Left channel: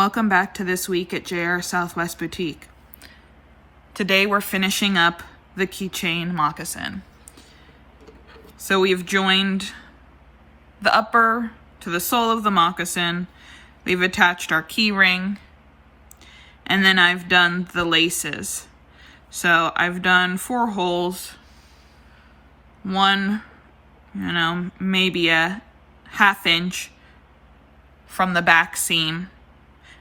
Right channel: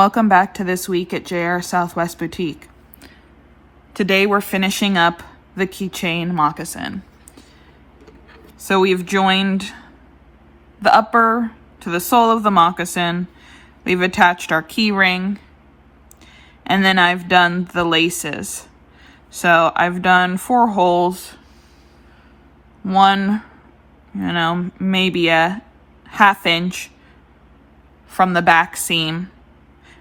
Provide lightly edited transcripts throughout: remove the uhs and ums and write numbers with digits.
welcome back to This Week at JR Southwest Boutique. Today we're finishing up the keychain moccasin. So we've joined the upper to the sole of the moccasin. We've attached our key ring, and then I've done the laces. So I've done 4 holes, one, maybe a 1/2 inch from the back seam,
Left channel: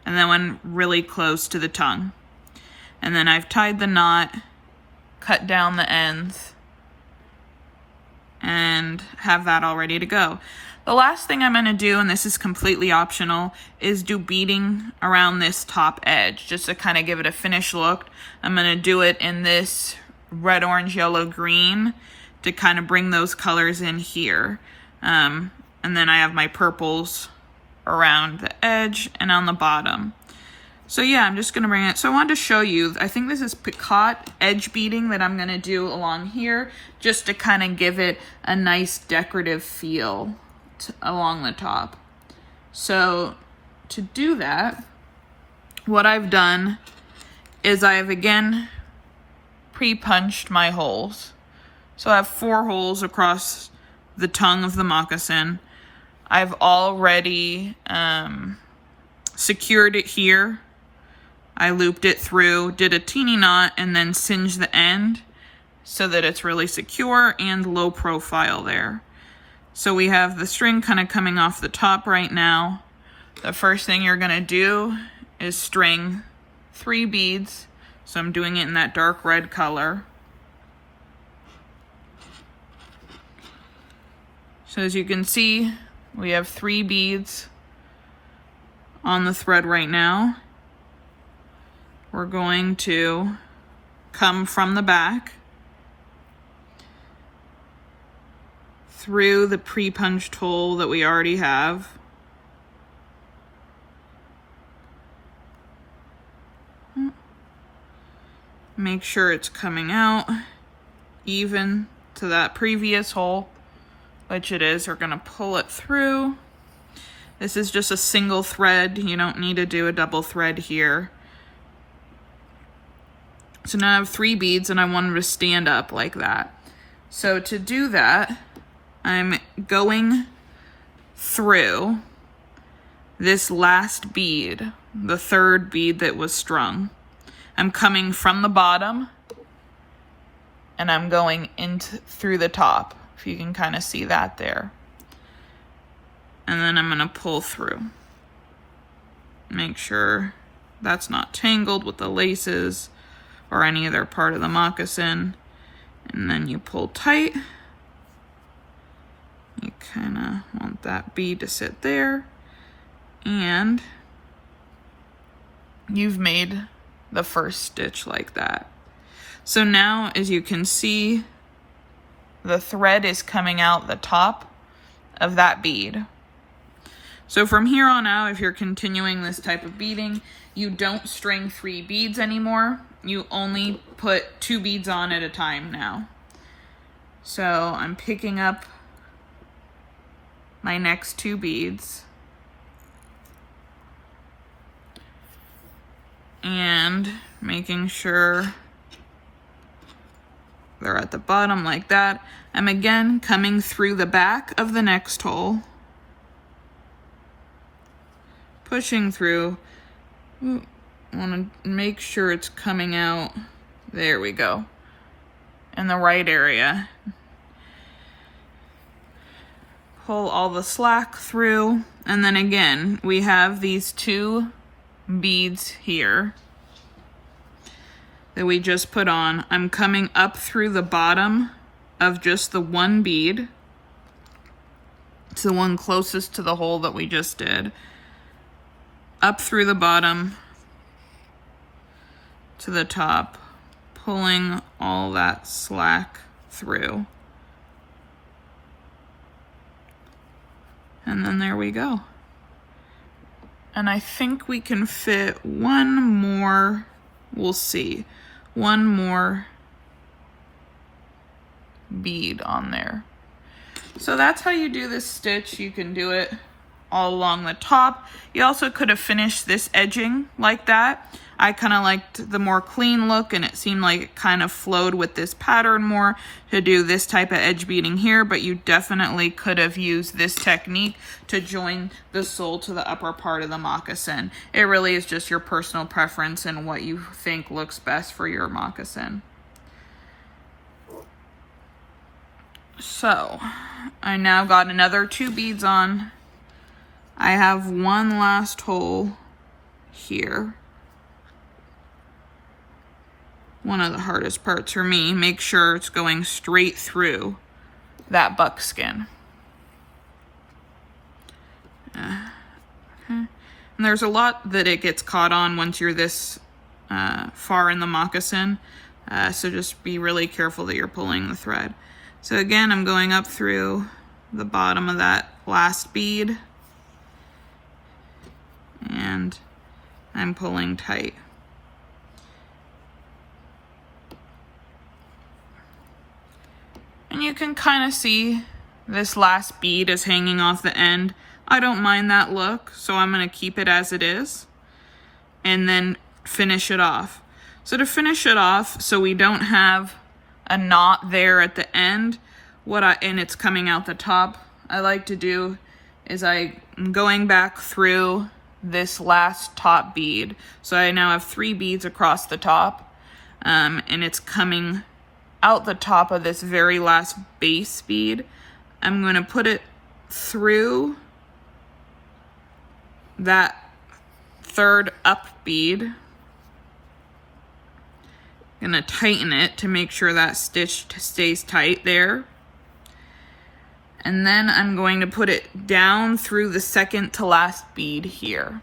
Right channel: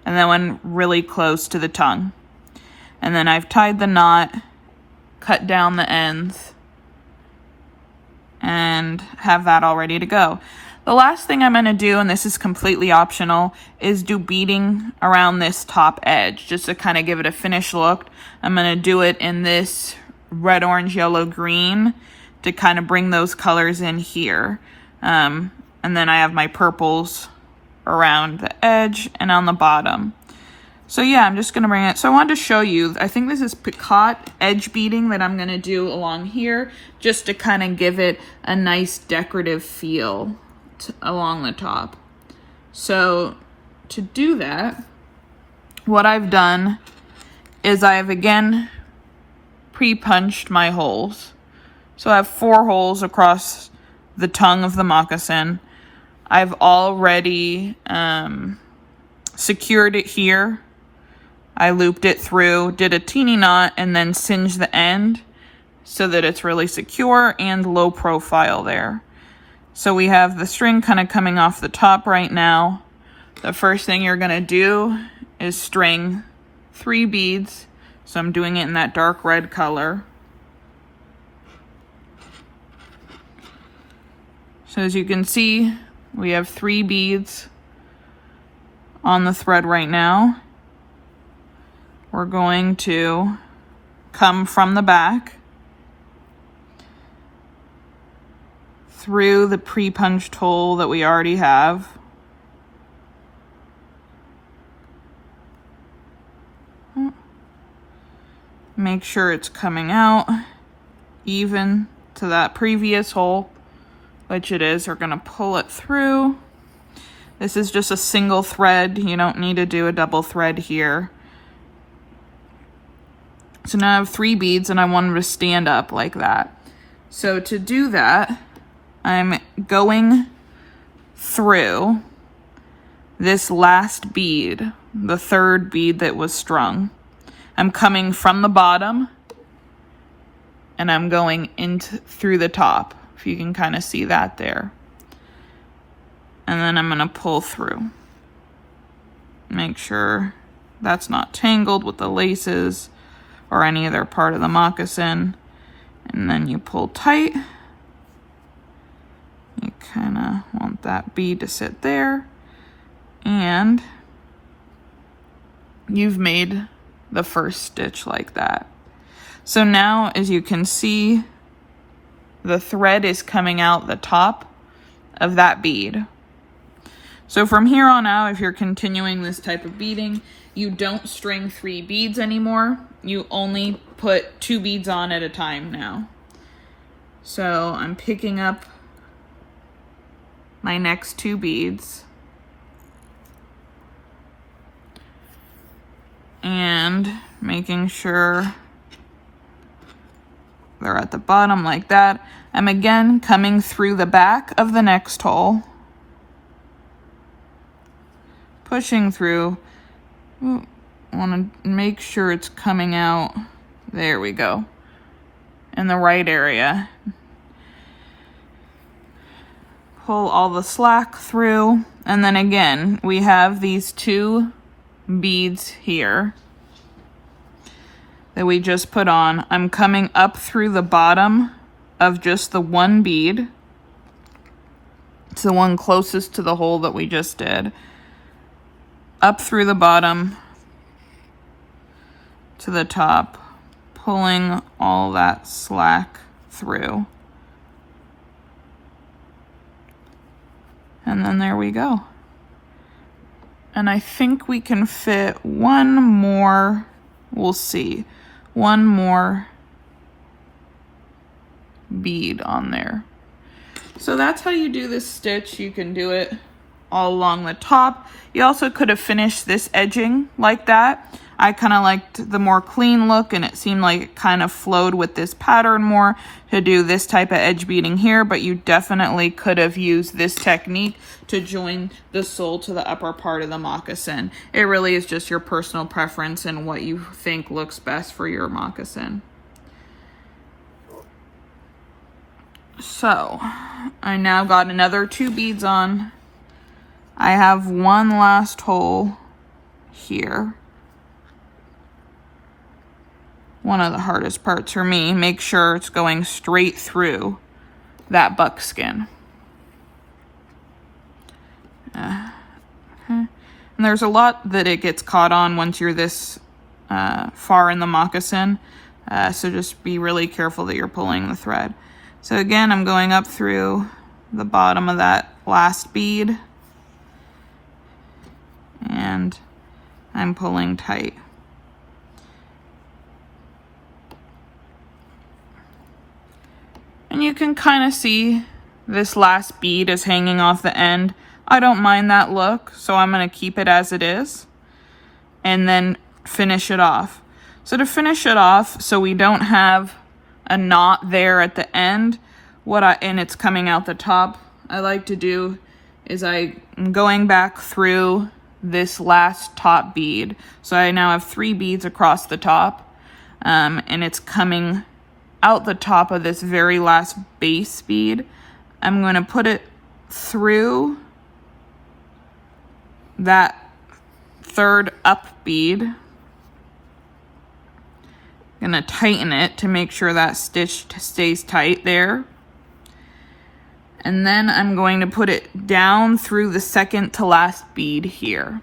and then one really close to the tongue. And then I've tied the knot, cut down the ends, and have that all ready to go. The last thing I'm going to do, and this is completely optional, is do beading around this top edge, just to kind of give it a finished look. I'm going to do it in this red, orange, yellow, green to kind of bring those colors in here. And then I have my purples around the edge and on the bottom. So yeah, I'm just going to bring it. So I wanted to show you, I think this is Picot edge beading that I'm going to do along here, just to kind of give it a nice decorative feel along the top. So to do that, what I've done is I've again pre-punched my holes. So I have 4 holes across the tongue of the moccasin. I've already secured it here. I looped it through, did a teeny knot, and then singed the end so that it's really secure and low profile there. So we have the string kind of coming off the top right now. The first thing you're going to do is string 3 beads. So I'm doing it in that dark red color. So as you can see, we have 3 beads on the thread right now. We're going to come from the back through the pre-punched hole that we already have. Make sure it's coming out even to that previous hole, which it is. We're going to pull it through. This is just a single thread. You don't need to do a double thread here. So now I have 3 beads and I want them to stand up like that. So to do that, I'm going through this last bead, the 3rd bead that was strung. I'm coming from the bottom and I'm going through the top, if you can kind of see that there. And then I'm going to pull through. Make sure that's not tangled with the laces or any other part of the moccasin. And then you pull tight. You kind of want that bead to sit there. And you've made the first stitch like that. So now, as you can see, the thread is coming out the top of that bead. So from here on out, if you're continuing this type of beading, you don't string 3 beads anymore. You only put 2 beads on at a time now. So I'm picking up my next 2 beads and making sure they're at the bottom like that. I'm again coming through the back of the next hole, pushing through. Ooh, I want to make sure it's coming out. There we go. In the right area. Pull all the slack through. And then again, we have these 2 beads here that we just put on. I'm coming up through the bottom of just the 1 bead. It's the one closest to the hole that we just did. Up through the bottom to the top, pulling all that slack through. And then there we go. And I think we can fit one more, we'll see, one more bead on there. So that's how you do this stitch. You can do it all along the top. You also could have finished this edging like that. I kind of liked the more clean look, and it seemed like it kind of flowed with this pattern more to do this type of edge beading here, but you definitely could have used this technique to join the sole to the upper part of the moccasin. It really is just your personal preference and what you think looks best for your moccasin. So I now got another 2 beads on. I have one last hole here. One of the hardest parts for me, make sure it's going straight through that buckskin. Okay. And there's a lot that it gets caught on once you're this far in the moccasin, so just be really careful that you're pulling the thread. So again, I'm going up through the bottom of that last bead, and I'm pulling tight. And you can kind of see this last bead is hanging off the end. I don't mind that look, so I'm going to keep it as it is and then finish it off. So to finish it off, so we don't have a knot there at the end, and it's coming out the top, I like to do is I'm going back through this last top bead. So I now have 3 beads across the top, and it's coming out the top of this very last base bead. I'm going to put it through that 3rd up bead. I'm going to tighten it to make sure that stitch stays tight there. And then I'm going to put it down through the 2nd to last bead here.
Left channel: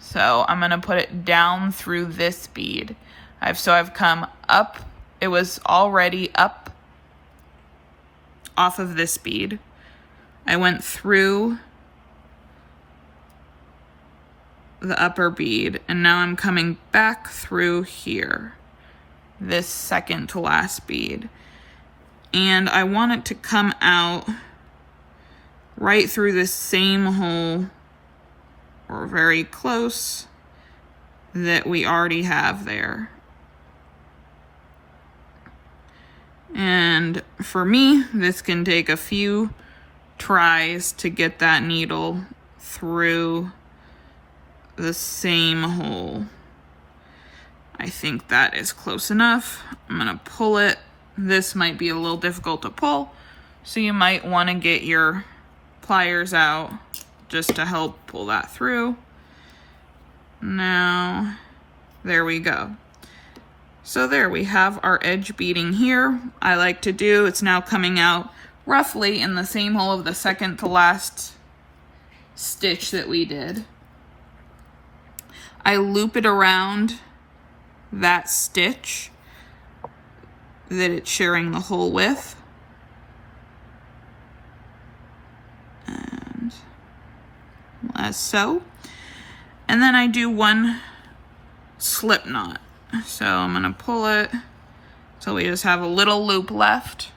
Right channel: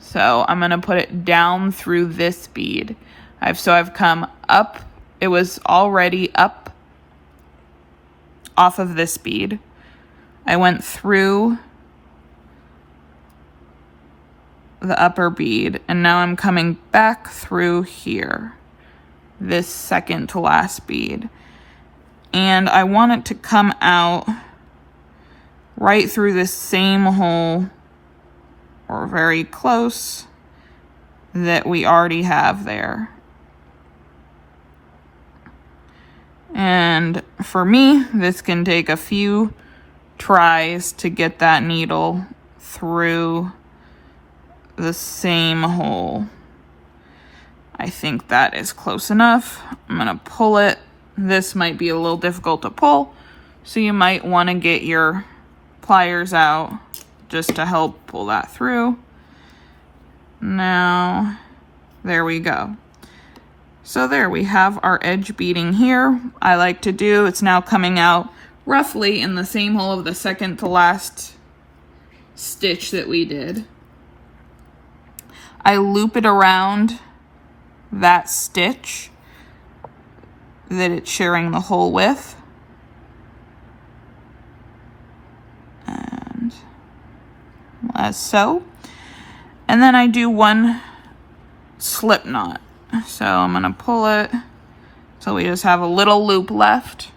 So I'm going to put it down through this bead. I've come up. It was already up off of this bead. I went through the upper bead, and now I'm coming back through here, this 2nd to last bead. And I want it to come out right through this same hole, or very close, that we already have there. And for me, this can take a few tries to get that needle through the same hole. I think that is close enough. I'm going to pull it. This might be a little difficult to pull, so you might want to get your pliers out just to help pull that through. Now, there we go. So there we have our edge beading here. I like to do, it's now coming out roughly in the same hole of the 2nd to last stitch that we did. I loop it around that stitch that it's sharing the hole with. And as so. And then I do one slip knot. So I'm going to pull it so we just have a little loop left.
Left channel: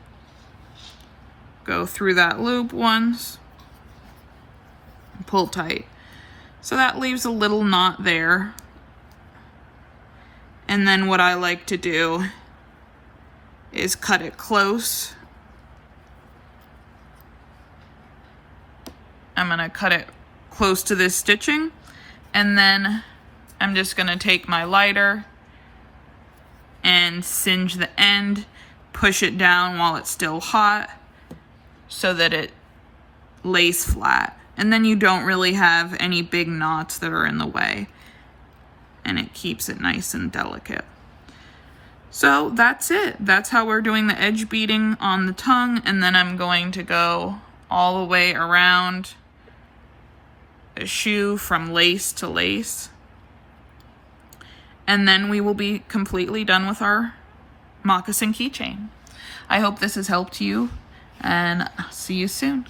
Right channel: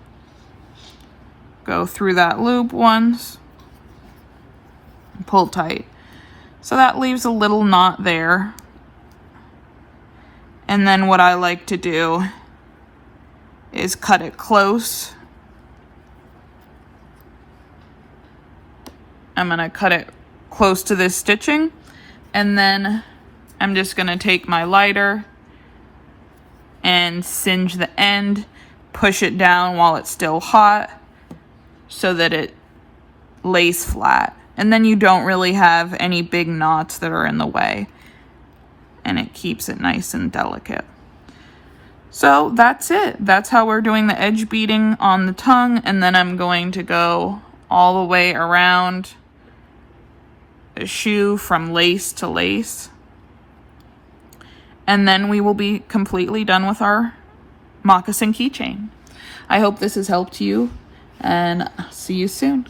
Go through that loop once. Pull tight. So that leaves a little knot there. And then what I like to do is cut it close. I'm going to cut it close to this stitching. And then I'm just going to take my lighter and singe the end, push it down while it's still hot so that it lays flat. And then you don't really have any big knots that are in the way. And it keeps it nice and delicate. So that's it. That's how we're doing the edge beading on the tongue. And then I'm going to go all the way around the shoe from lace to lace. And then we will be completely done with our moccasin keychain. I hope this has helped you, and I'll see you soon.